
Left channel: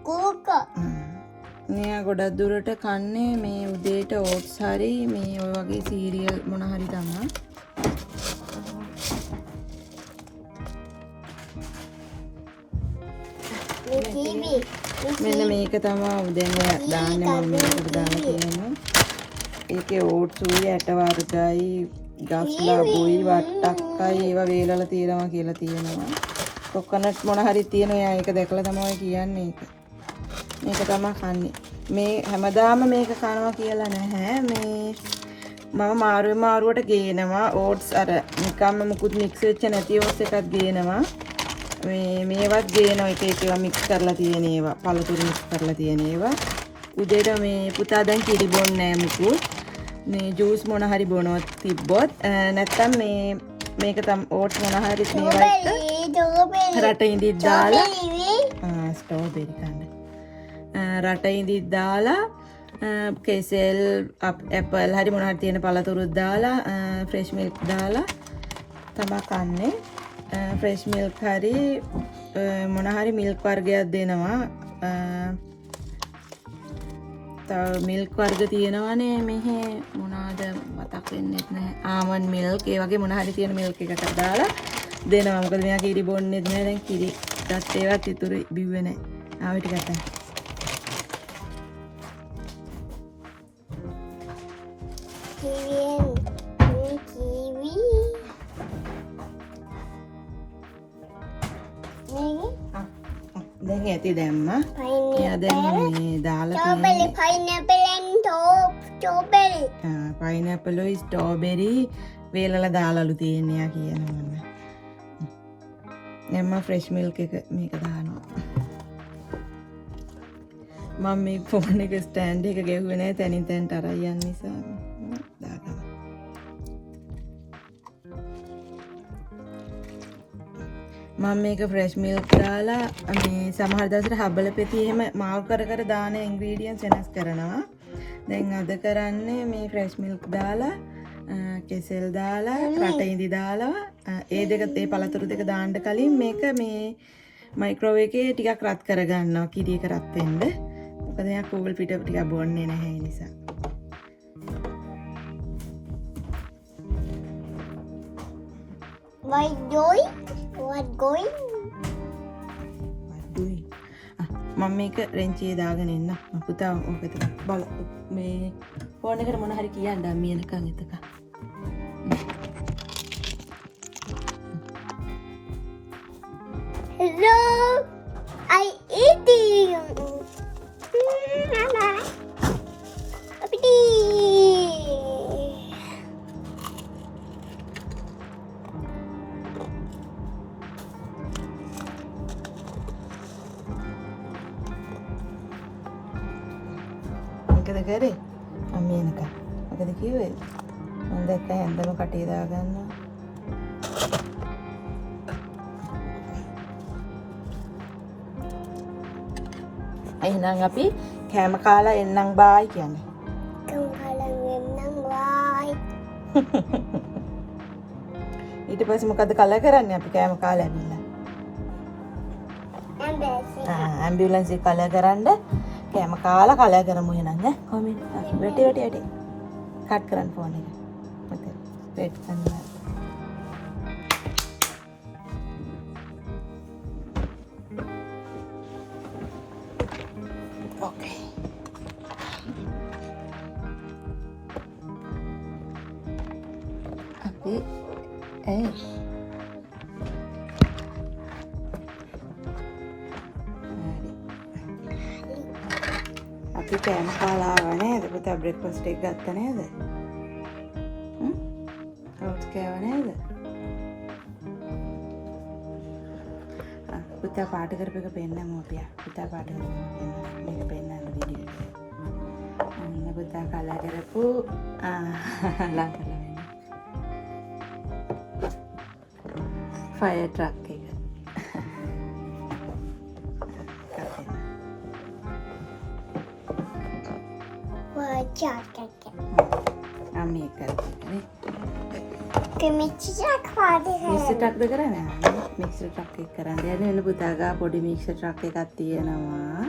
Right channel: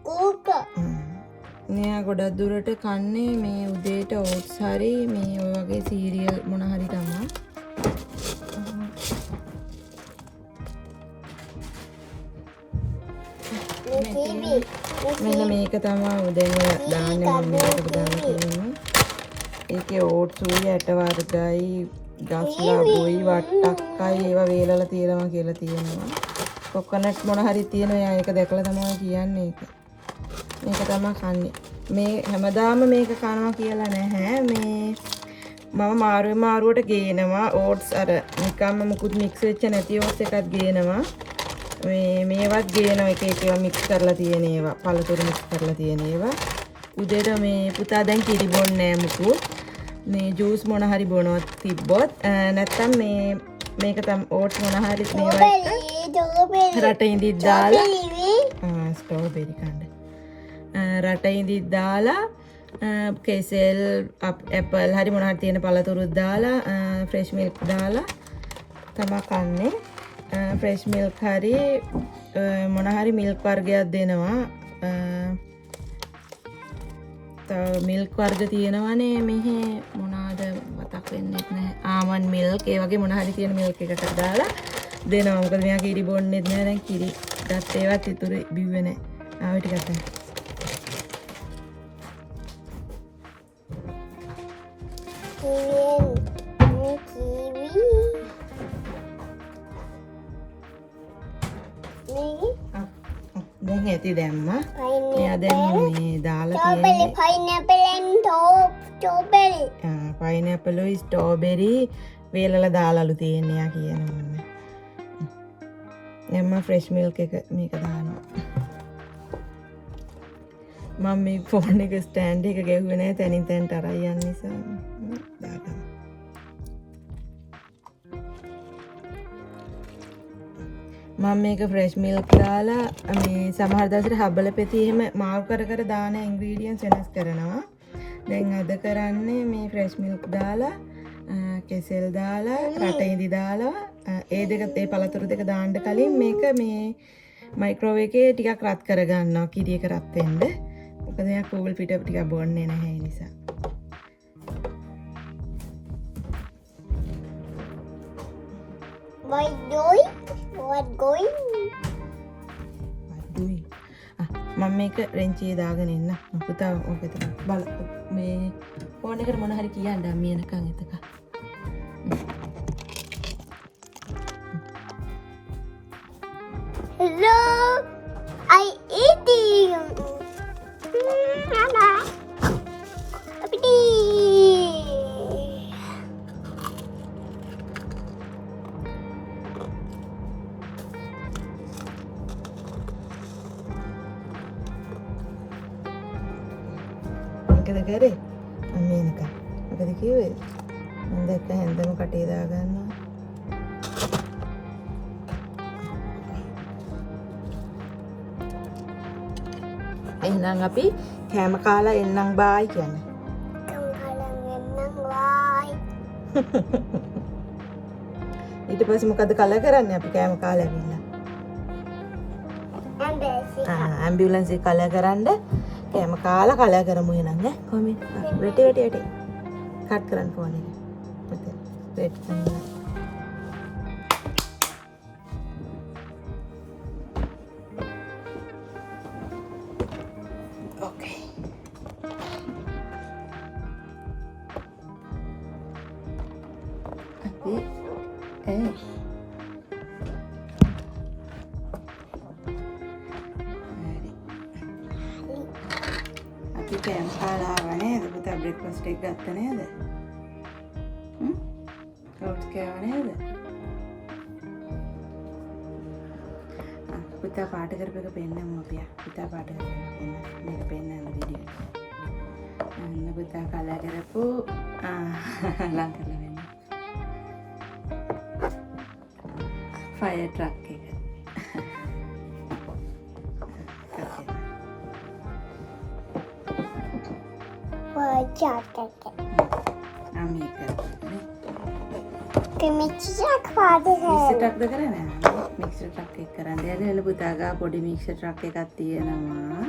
කෝක මෙයා ගොඩක් දුරට කන්නේ මේ උදේට ඕට්ස් හරි මේ ඔය වගේ සීරියල් මොන හරි තමයි කිවි. මෙන්න මේක තමයි දැන් දාන්නේ මම මේකට දාලා තියෙනවා. ඒකේ ඕට්ස් උයි ඇට වර්ගයි ගස්ලා බොයි වට්ටක්කයි ඒවා වේලලා තියෙනවා කියලා තියෙනවා. කොකනට් මොන හරි තියෙනවා. ඒක දැකලා තමයි කියන්නේ ඒක. මේක තමයි කන්නේ. මේ හැමදාම මේක කනවා කියලා නැහැ. මේ මම මාරුවට ගේනවා ඕට්ස් අර නිකම්ම මුකුත් මික්ස් වෙච්ච නැති ඕට්ස් එකක් ගේනවා. මේවත් ගේනවා එක එක ඒවා මික්ස් කරලා තියෙන ඒවා පළතුරු මික්ස් කරලා තියෙන ඒවා. උදේට මේ පුතා දැන් කිරි බොන්නේ නැහැ මුකුත්. මේ ජූස් මොන හරි බොනවත් තිබ්බොත් නැත්තම් මේක තම ඕට්ස් මොන හරි මේවා රට ඉඳිත් දාලා ස්ට්‍රෝබෙරි කන්න. රට ඉඳිත් දාලා කෙසෙල් ඇපල් හරි මොන හරි තියෙන පළතුරුත් දාලා ෆ්‍රෙෂ් මිල්ක් දාලා තමයි කන්නේ. ෆ්‍රෙෂ් මිල්ක් හරි මොන හරි මිල්ක් වර්ගයක් දෙනවා. මිල්ක් වර්ග තියෙනවනේ මෙහි මොනවාද මතක් වෙන්නේ නැහැ. ආමන්ඩ් මිල්ක් ඒ වගේ මොන හරි තියෙන මිල්ක් එකකට දාලා දෙනවා. මොකද මෙයා කිරි බොන්නේ නැහැ. දැන් කිරි ගත් ඒවත් ඉතුරු බිව්වේ නැහැ. ආවෙ ටිකක් ගන්න. දැන් ඇති දැම්මා. එයා දැන් මේ දාලා තියෙන්නේ පයිනැපල් උයි ස්ට්‍රෝබෙරි වේලලා දාලාලු තියෙන්නේ යා කියනවා. එම්ම ෆ්‍රෙෂ් මිල්ක් එක මේක දානවා. මම මේ ෆෝන් එක ස්ටෑන්ඩ් එක ගෙවුවේ නැහැ තනින් තැනට අරන් යන නිසා. දාගන්න. මම මේක ෆ්‍රෙෂ් මිල්ක් දාලා මේ සමහර දවසට හබල පෙති එහෙම මාව් කර දාන ඉන්ග්‍රීඩියන්ට්ස් වෙනස් කරනවා. දැන් අද කරන්නේ මේ ෆ්‍රෙෂ් මිල්ක් දාලා කෙසෙල් දාලා රට ඉඳි දාලා ඒ දෙක ඒ පළතුරු දෙක දාන්න කලින් මේක මේ මයික්‍රෝවේව් එකේ ටිකක් රත් කරගන්නවා කිරි එක රත් වෙන්න. මොකද මම කූල් පිට ටිකක් බොන්නේ නැහැ ඒ නිසා. What going? මම මේක රෙන්චියේ දාගෙන ඉන්න. පුතා ඕක ටිකක් බල මේ ෆෝන් එකට මොන හරි කියන්න අම්මී එනකන් එතක. Hello, I eating. Mama. Apiti. මොකද කරේ? අම්මී එනකන්. මොකද කිව්වේ? මම දැක්ක හැන්දම කටේ දාගන්නවා. එහෙනම් අපි කෑම කාලා එන්නම් බායි කියන්නේ. ඊට පස්සේ මොකද කලා කරන්නේ අපි කෑම කාලා ඇවිල්ලා? ඇම්බියුලන්ස් එක කලා කරන්න කෑම කාලා කලා කරමු එහෙනම් ඈ. කොහොමද? වෙටි. කට් කරන්න ෆෝන් එක. මත වෙට් කරන්න. Okay. Abi, අපි කෑම කාලා ආවා නේද? පුතා බ්‍රෙක්ෆාස්ට් එක ගත්ත නේද? ඔට්ස් කෑවා නේද? පුතා පාට කරපේක පෙන්නමු අපි. පුතා පාට කරපේක මේක පෙන්නන්න වීඩියෝ. අන්න පුතා කලා කරපු ලං කරලා වෙන්න. ෆයර් ට්‍රක් එක. මේක මික්සර් ට්‍රක්ද කරන්නේ? මික්සර් ට්‍රක් එක කරන්න යන පුතා ගා පොඩි මික්සර් ට්‍රක් එකක් තියෙනවා.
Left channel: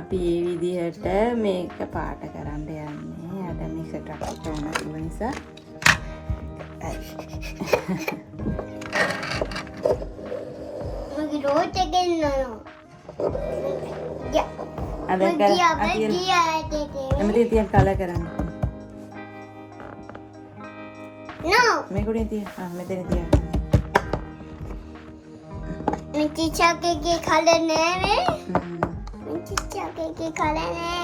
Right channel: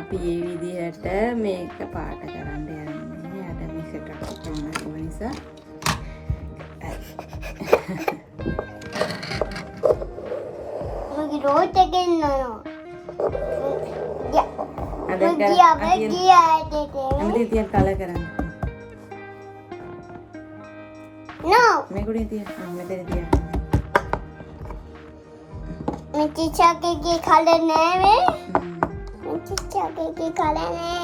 අපි මේ විදිහට මේක පාට කරන්න යන්නේ. අද මික්සර් ට්‍රක් එක ඕන ඒ නිසා මගේ රෝට් එකෙන් නෝ Ada Dia kan? dia ada. Nanti tiap kala karan. No. Me kuri tiap. Me teri tiap. Mesti cakap ke color ni. Mesti cakap ke color ni.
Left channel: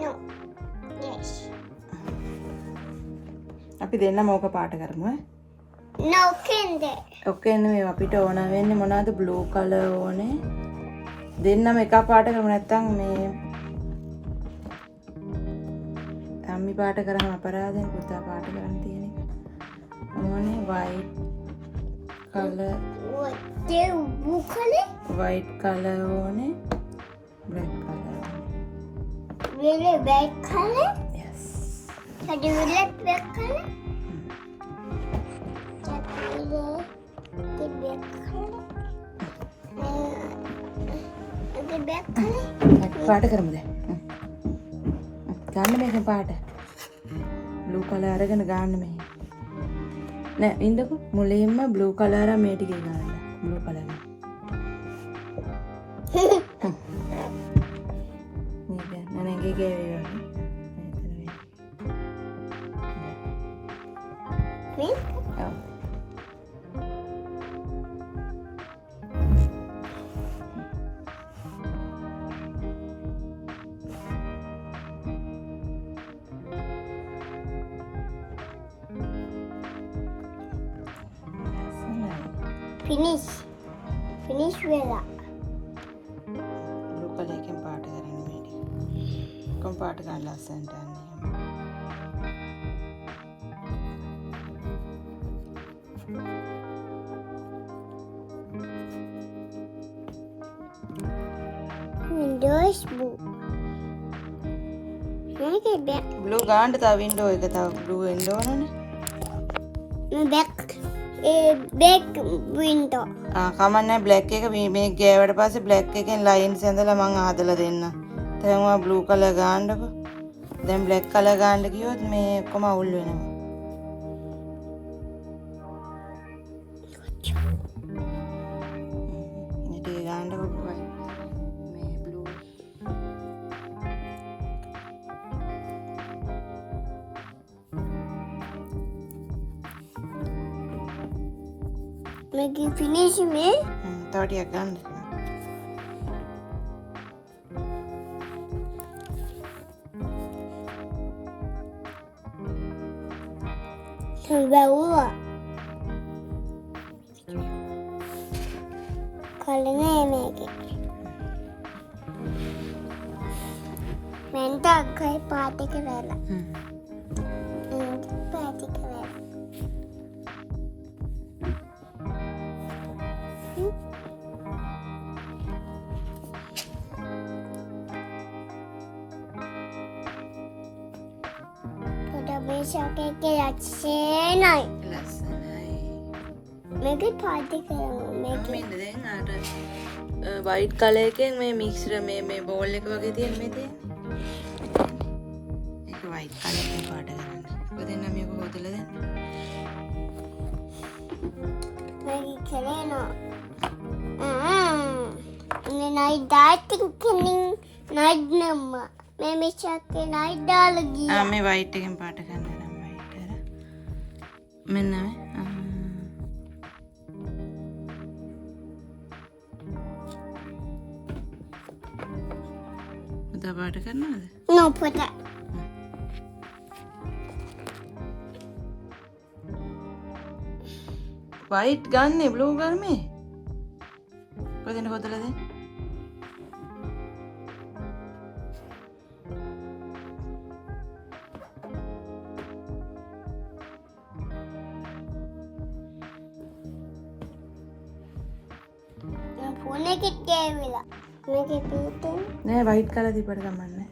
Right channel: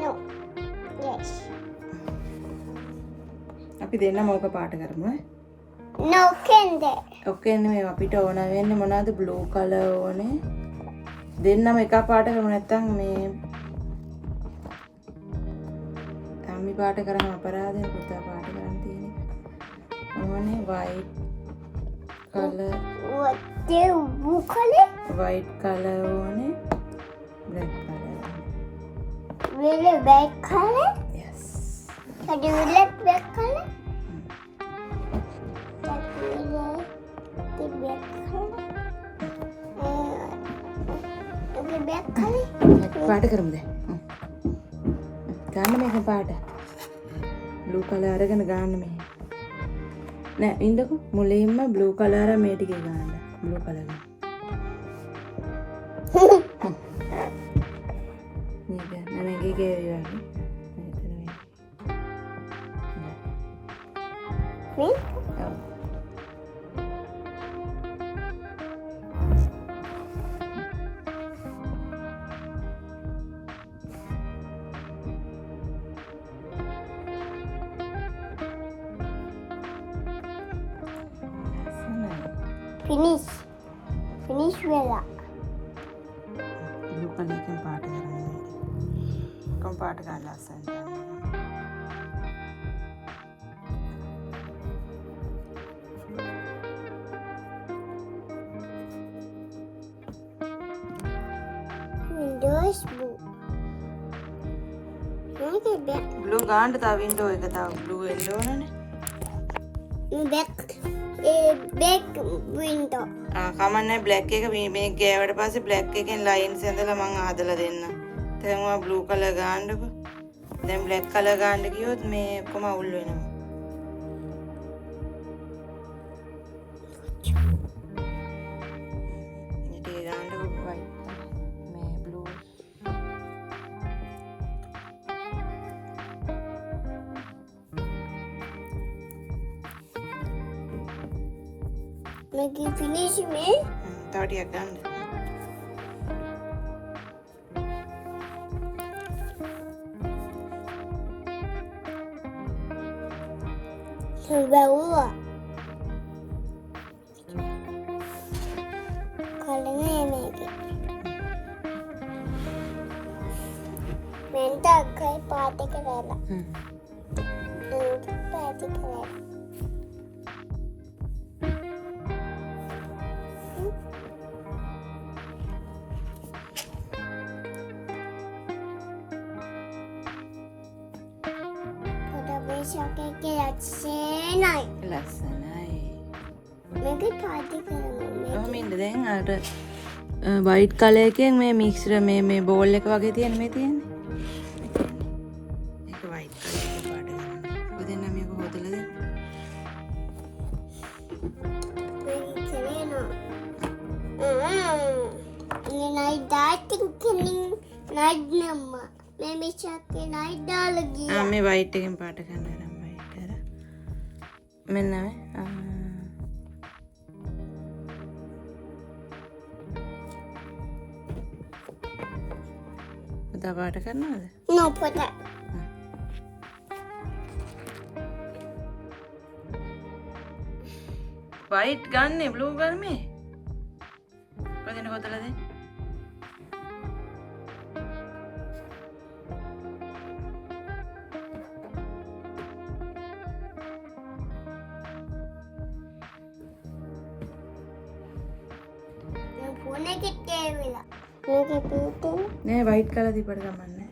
No. Yes. අපි දෙන්නම ඕක පාට කරමු ඈ. No kende. ඔක්කො එන්නේ මේ අපිට ඕන වෙන්නේ මොනවද බ්ලූ කලර් ඕනේ. දෙන්නම එක පාට කරමු නැත්තම් මේ අම්මි පාට කරාම අපරාධනේ පුතා පාට කරන් තියෙන්නේ. ඕනේ white color What do you call it? white color ඕනේ black color. Really black color? Yes. So do you like black color? The black color. The black color. පාට කරමුද? ගන්න මේක පාට. බ්ලූ කලර් අරගෙන ගන්න මේ. නෑ ඉන්නකෝ මුලින්ම බ්ලූ කලර් මේ ටිකේ ගන්න. Blue colour. මේක නනගේ ගේවිවා. Me? ඔව්. Finish. Finish vela. Blue colour එකෙන් පාට කරන්න මේ. කොම් පාට ගන්න ලස්සනට. Windows blue. Make it back. Blue ගන්න තව වින්ඩෝ එක තව බ්ලූ වෙන්න ඕනනේ. Back. Back window. කමන්නේ බ්ලැක් එක මේ ගෑවට පස්සේ බ්ලැක් එකෙන් ලයින්ස් ඇඳලා මම ආදලා දෙන්න. දැන් ඔයා බ්ලූ කලර් ගන්නකො. දැන් බ්ලැක් කලර් ගන්න කිව්වොත් මේ කොම අවුල් වෙනවා. ඉතින් ගන්නකො වයි. මේ blue Make it finish me. තව ටිකක් ගන්න. Bawa. Kalau ni make it. Minta kai party kerana. Party kerana. Pada bisa kekek senai. ලස්සනයි. Make it party kerana. Make it. මෙන්න දැන් අර වයිට් කලර් එකෙන් මේ මික්ස්ර් මේ බෝල් එක වගේ තියෙන මේ තියෙන්නේ. ඒක වයිට් කලර් එක පාට කරන්න. ඔබ දෙන්න මේක හොදලා දෙන්න. Make it kerana. Ini naik dating kening naik nama. Memi cakap naik dah lagi. මේ වයිට් එකෙන් පාට කරන්න නම් වයිට් අර. මෙන්න මේ. පුතා පාට කරනවද? No, put that. වයිට් ගන්නේ බ්ලූ ගර්මේ. කොහෙන්ද හොදලා දෙන්නේ? Phone එක කෑවිලා. මේක පිටින් නෑ වයිට් කලර් දීපට ගමන්නේ.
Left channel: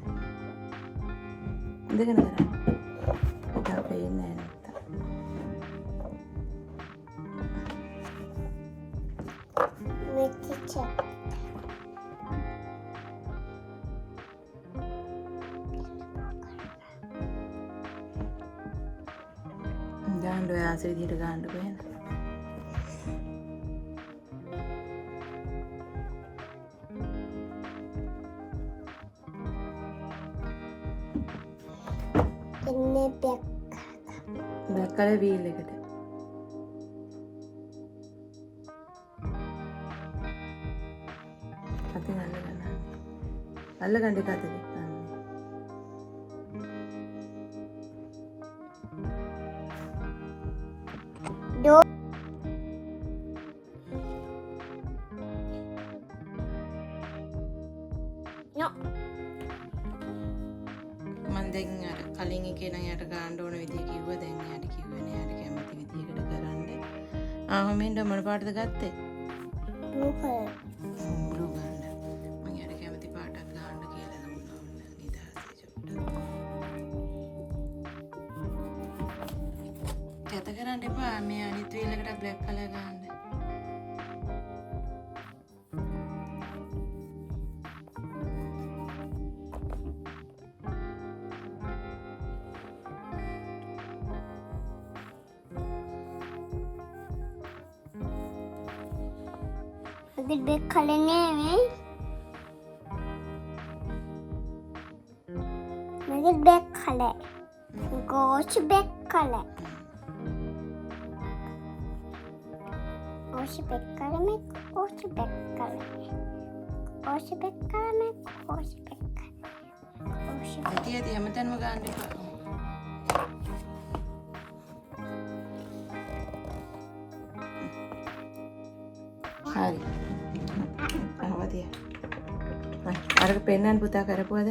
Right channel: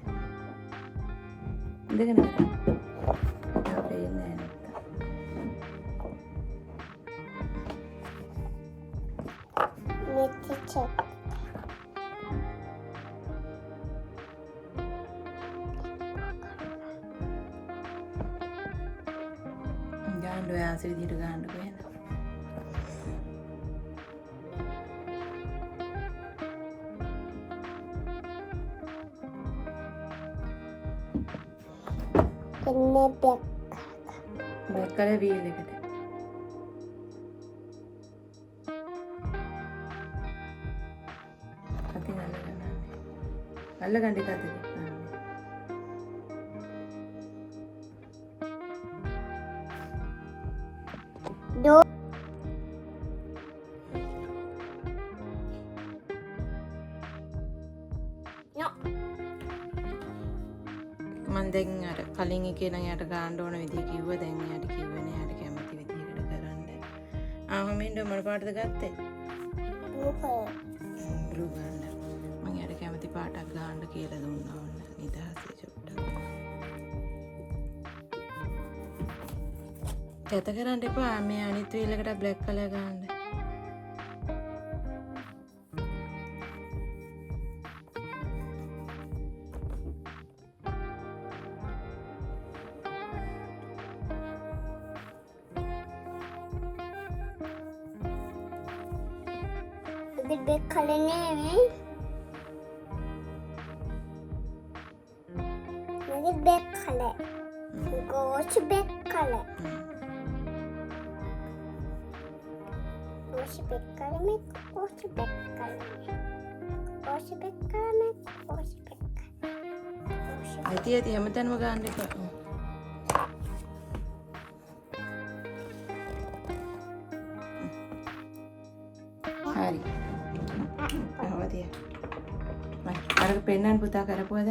ඉඳගෙන කරා. තාම පේන්නේ නෑ නැත්තම්. මෙච්ච චක්. නිදාස විදිහට ගන්නකො එහෙනම්. එන්නේ බ්ලැක් කලර් වීල් එකට. අතින් අල්ලගන්න. අල්ලගන්න එක අතින්. දෝ මම දැන් අර කලින් එකේ නම් යට ගන්න ඕන විදිහ කිව්වා. දැන් යාට කිව්වනේ යාට කැමති විදිහකට කරන්න. මෙන්න මොන පාටද ගත්තේ? බ්ලූ ගන්න. මම යාට කැමති පාටක් ගන්න කියලා දුන්නා ඔන්න නිදාසේ චුට්ටක්. කැත කරන්න එපා. මේ අනිත් වීල් එකට බ්ලැක් කලර් ගන්න. Gede kali nih, lagi back kali, gosh back kali, gosh back kali nih, gosh back kali, gosh back kali nih, gosh back kali. Hati-hati හැමතැනම ගන්න එපා. හරි. අවදිය. අරක පෙන්නන්න පුතා කරපුවද?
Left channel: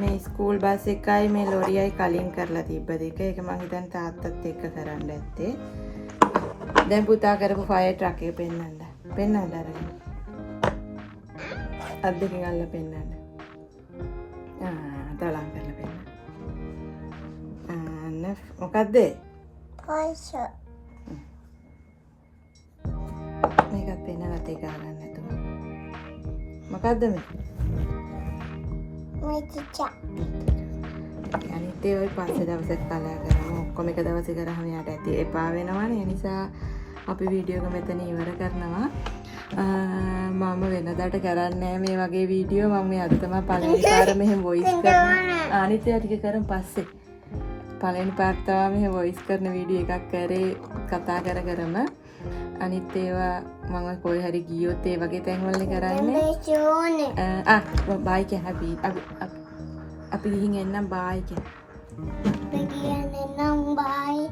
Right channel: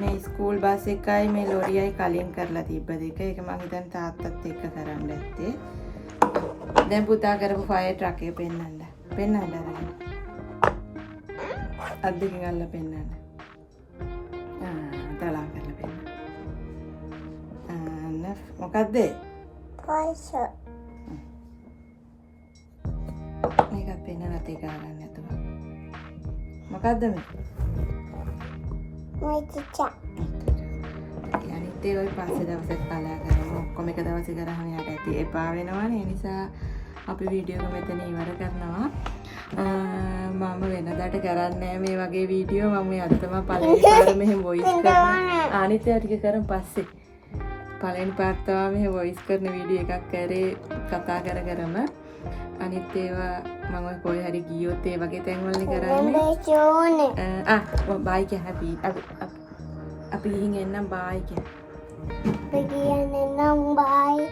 මේ ස්කූල් බස් එකයි මේ ලොරියයි කලින් කරලා තිබ්බ දෙක. ඒක මං හිතන්නේ තාත්තත් එක්ක කරන්න ඇත්තේ. දැන් පුතා කරපු ෆයර් ට්‍රක් එක පෙන්නන්න. පෙන්නන්න අරගෙන. අත් දෙකෙන් අල්ල පෙන්නන්න. තලං කරලා පෙන්නන්න. මොකද්ද? Gosh. මේකත් පෙන්නලා තේ ගන්න නැතුව. මොකද්ද මේ? Mau cicak. අනිත් ඒවා පස්සේ දවසක් කලා කරමු. ඔක්කොම එක දවසේ කරාම යාට ඇති එපා වෙනවනේ. ඒ නිසා අපි වීඩියෝ එක මෙතන ඉවර කරනවා. මම වෙනදාට කරන්නේ මේ වගේ වීඩියෝ. මම මේ අද තමයි පළවෙනි පාර මෙහෙම වොයිස් කරන්නේ. අනිත් ඒවා ටික කරමු පස්සේ. පළවෙනි පාර තමයි මෙහෙම වොයිස් කරන වීඩියෝ එකක් කරේ කතා කරම. අනිත් ඒවා මම කොයි හරි ගියොත් ඒ වගේ තැන්වලනේ කරන්නේ. බයි කිය හැපි. අපි ගිහින් එන්නම් බයි කිය. Pergi yang nenang bye.